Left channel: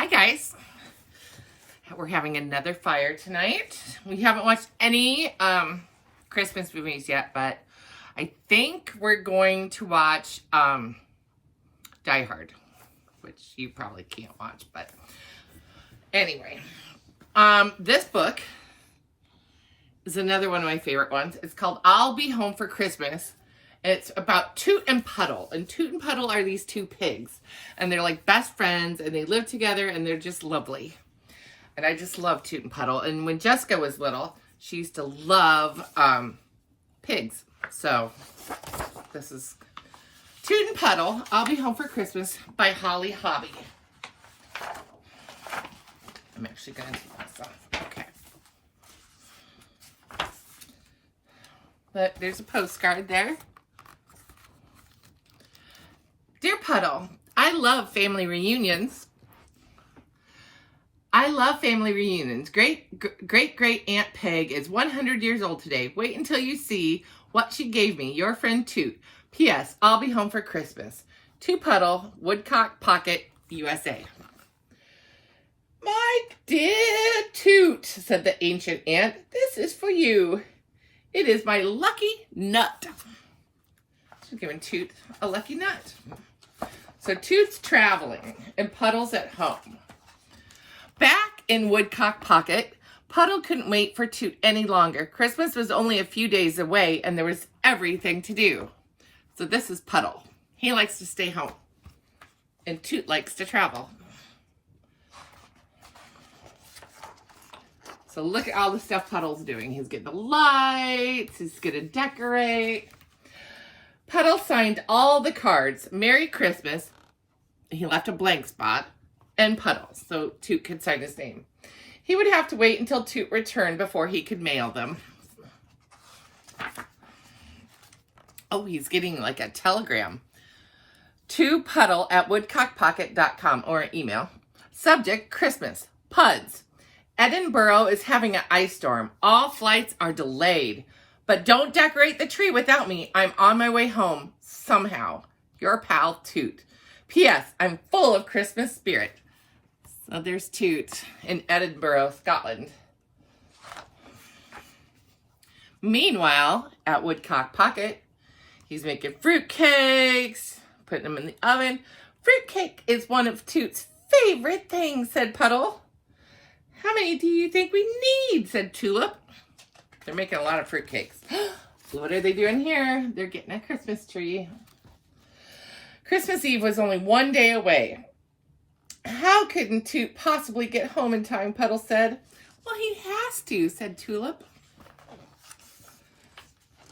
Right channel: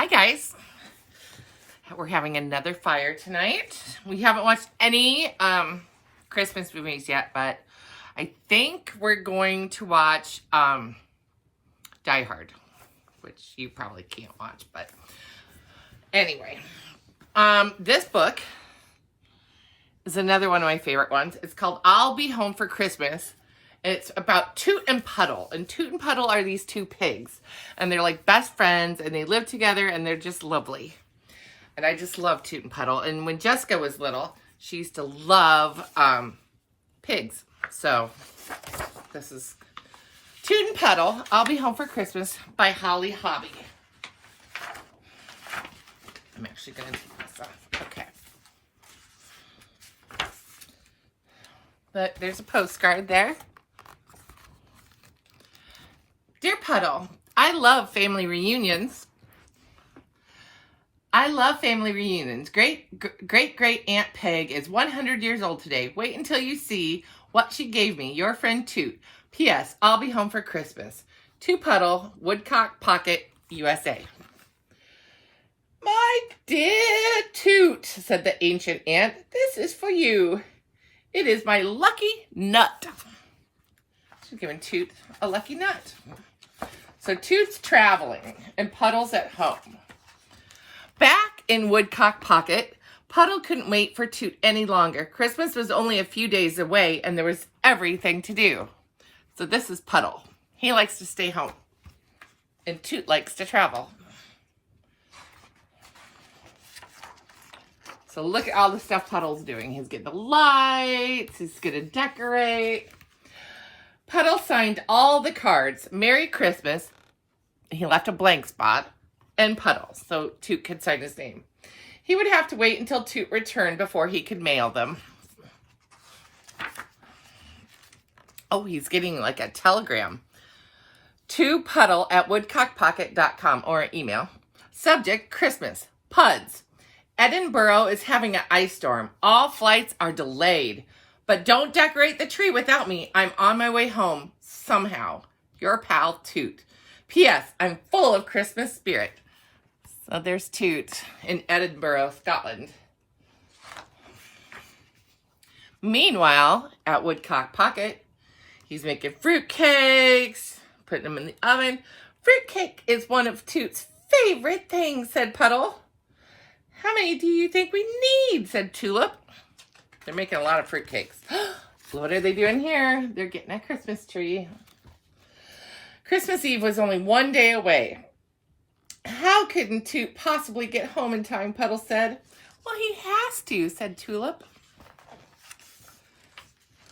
Hi guys. We're having another fire tonight. We haven't watched any Christmas movies yet, but I think we're going to watch Die Hard, which you probably can't watch, but anyway. This book is another one of my favorite ones. It's called I'll Be Home for Christmas. It's about Toot and Puddle. And Toot and Puddle are these two pigs. And they're like best friends. And they live together. And they're just lovely. And I just love Toot and Puddle. And when Jessica was little, she used to love pigs. So this is Toot and Puddle. I'll Be Home for Christmas by Holly Hobby. I'm actually going to do this off. Okay. But there's a postcard there. Dear Puddle, I love family reunions. Great Aunt Peg is 100 years old today. Wait until you see what she gave me. Your friend Toot. P.S. I'll be home for Christmas. To Puddle, Woodcock Pocket, USA. My dear Toot, said the ancient aunt, this is for you. It is my lucky nut. She's giving Toot a lucky nut. So Toot's traveling and Puddle's at home. Back in Woodcock Pocket, Puddle couldn't wait for Toot any longer. Christmas was only a few days away and there was everything to do. So this is Puddle. He likes to stay home. And Toot likes to travel. So look at all the stuff Puddle's doing. He's getting the lights. He's going to decorate. Puddle signed all the cards. Merry Christmas. He left a blank spot. And Puddle, so Toot could sign his name. He would have to wait until Toot returned before he could mail them. Oh, he's getting like a telegram. To Puddle at woodcockpocket.com or an email. Subject, Christmas. Puds. Edinburgh is having an ice storm. All flights are delayed. But don't decorate the tree without me. I'm on my way home somehow. Your pal, Toot. P.S. I'm full of Christmas spirit. So there's Toot in Edinburgh, Scotland. Meanwhile, at Woodcock Pocket, he's making fruitcakes, putting them in the oven. Fruitcake is one of Toot's favorite things, said Puddle. How many do you think we need, said Tulip. They're making a lot of fruitcakes. What are they doing here? They're getting a Christmas tree. Christmas Eve was only one day away. How couldn't Toot possibly get home in time, Puddle said. Well, he has to, said Tulip.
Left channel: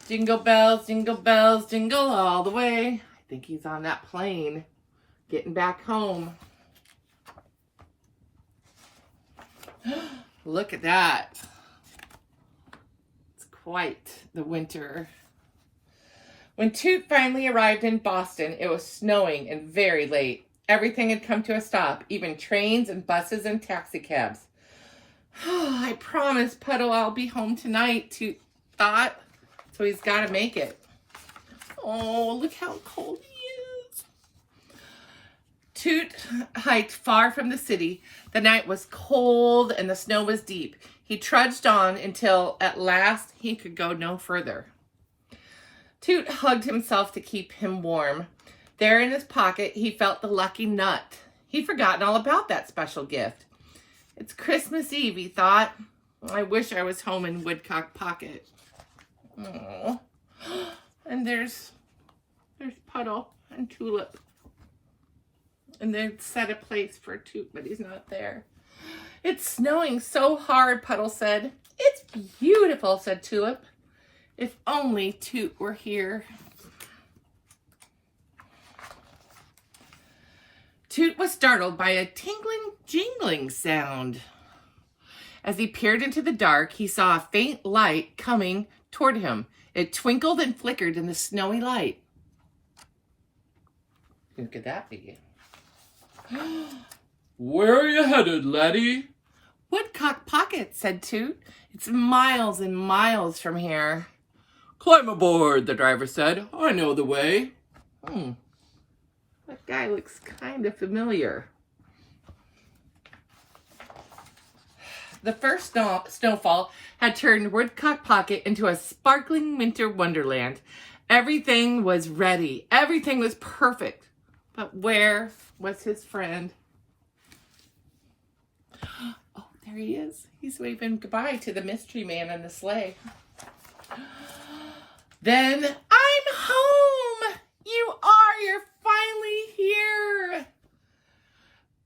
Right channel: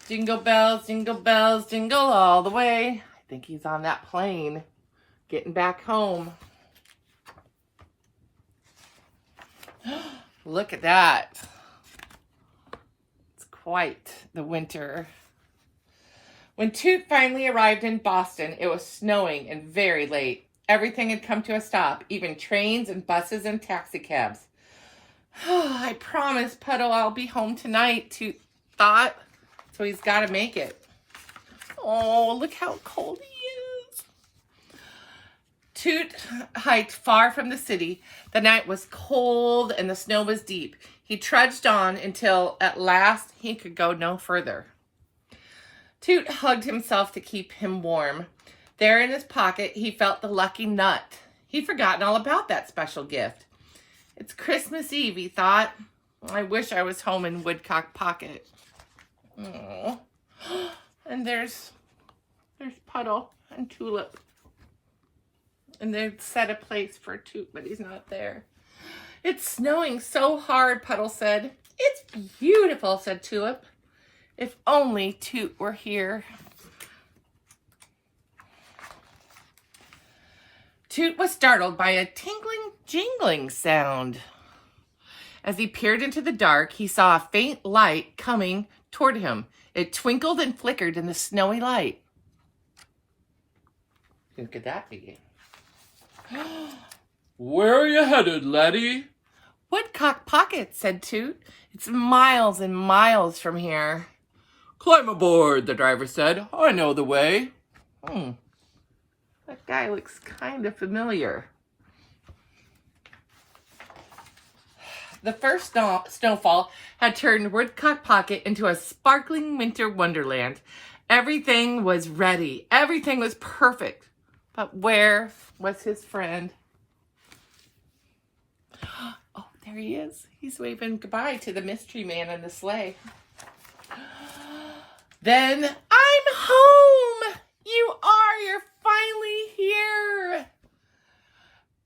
Jingle bells, jingle all the way. I think he's on that plane, getting back home. Look at that. It's quite the winter. When Toot finally arrived in Boston, it was snowing and very late. Everything had come to a stop, even trains and buses and taxicabs. I promise, Puddle, I'll be home tonight, Toot thought. So he's got to make it. Oh, look how cold he is. Toot hiked far from the city. The night was cold and the snow was deep. He trudged on until at last he could go no further. Toot hugged himself to keep him warm. There in his pocket, he felt the lucky nut. He'd forgotten all about that special gift. It's Christmas Eve, he thought. I wish I was home in Woodcock Pocket. Oh, and there's Puddle and Tulip. And they set a place for Toot, but he's not there. It's snowing so hard, Puddle said. It's beautiful, said Tulip. If only Toot were here. Toot was startled by a tinkling, jingling sound. As he peered into the dark, he saw a faint light coming toward him. It twinkled and flickered in the snowy light. Who could that be? Where are you headed, laddie? Woodcock Pocket, said Toot. It's miles and miles from here. Climb aboard, the driver said. I know the way. That guy looks kind of familiar. The first snowfall had turned Woodcock Pocket into a sparkling winter wonderland. Everything was ready. Everything was perfect. But where was his friend? Oh, there he is. He's waving goodbye to the mystery man in the sleigh. Then, I'm home! You're finally here!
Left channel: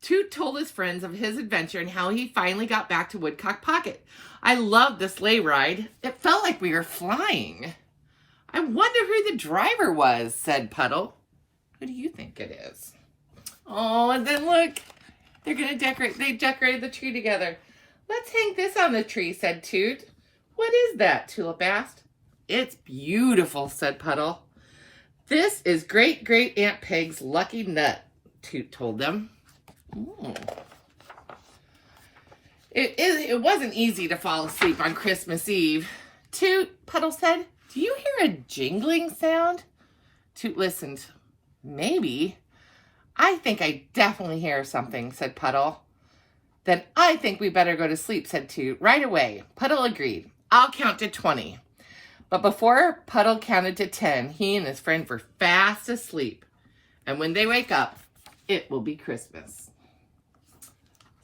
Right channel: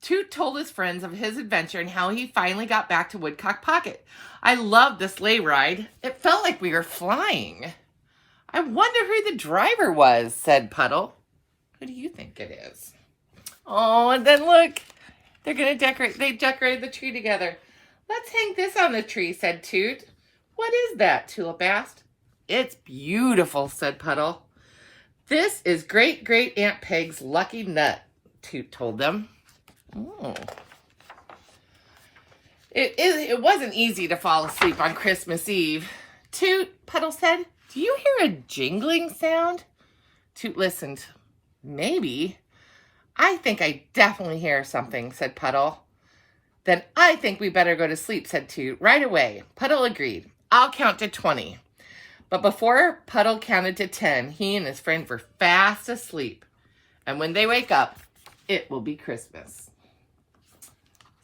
Toot told his friends of his adventure and how he finally got back to Woodcock Pocket. I loved the sleigh ride. It felt like we were flying. I wonder who the driver was, said Puddle. Who do you think it is? Oh, and then look, they're going to decorate. They decorated the tree together. Let's hang this on the tree, said Toot. What is that? Tulip asked. It's beautiful, said Puddle. This is Great Aunt Peg's lucky nut, Toot told them. Oh. It wasn't easy to fall asleep on Christmas Eve. Toot, Puddle said, do you hear a jingling sound? Toot listened. Maybe. I think I definitely hear something, said Puddle. Then I think we better go to sleep, said Toot. Right away. Puddle agreed. I'll count to 20. But before Puddle counted to 10, he and his friend were fast asleep. And when they wake up, it will be Christmas.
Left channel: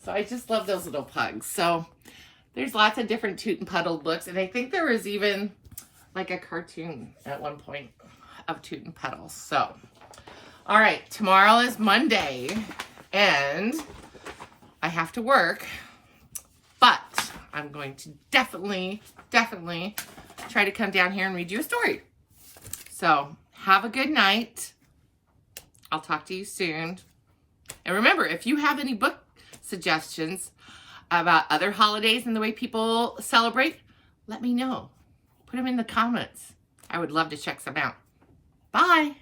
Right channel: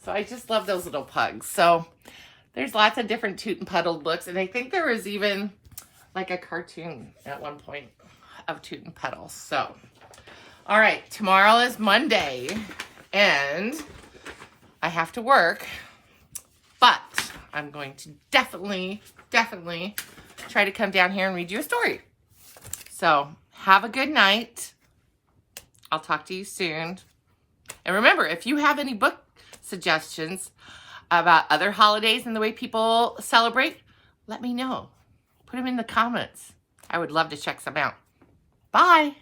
So I just love those little pugs. So there's lots of different Toot and Puddle books. And I think there was even like a cartoon at one point of Toot and Puddle. So, all right, tomorrow is Monday. And I have to work. But I'm going to definitely try to come down here and read you a story. So have a good night. I'll talk to you soon. And remember, if you have any book suggestions about other holidays and the way people celebrate, let me know. Put them in the comments. I would love to check some out. Bye.